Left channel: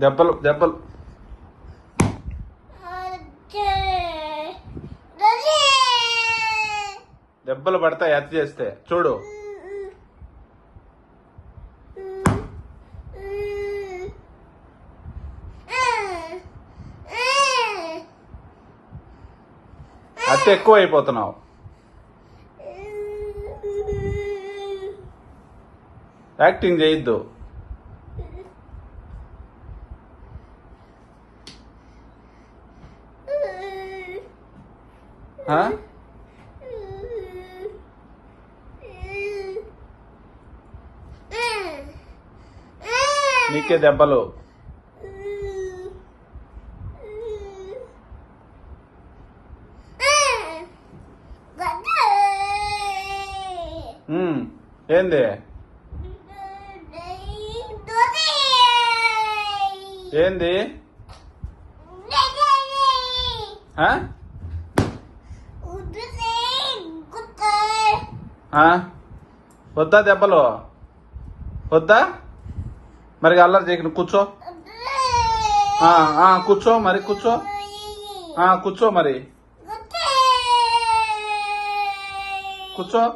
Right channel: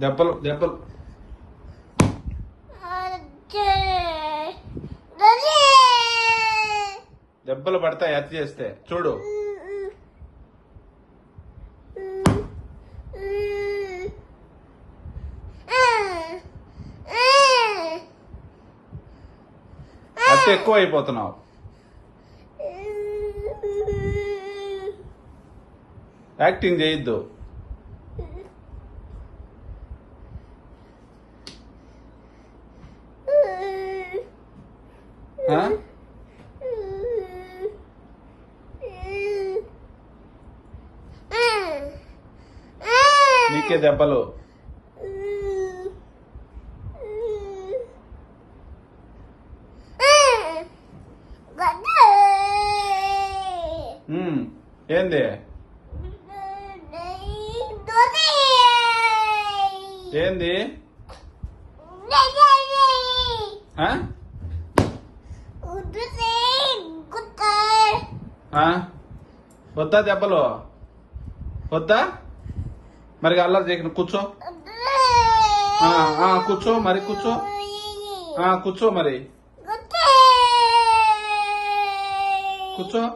దెబ్బలు దెబ్బలు. దెబ్బలు పడతాయి అతి చేస్తే. చూడు. అతి ఎక్కువ అయిపోతున్నావు యాక్టింగ్ చేయొద్దు. నీకే దెబ్బలు. ఏంది? ఏంది? వద్దా దెబ్బలు? వద్దా? మరి అల్లరి చేయకు కూర్చో. కూర్చో మరి కూర్చో. కూర్చో మరి. కూర్చో.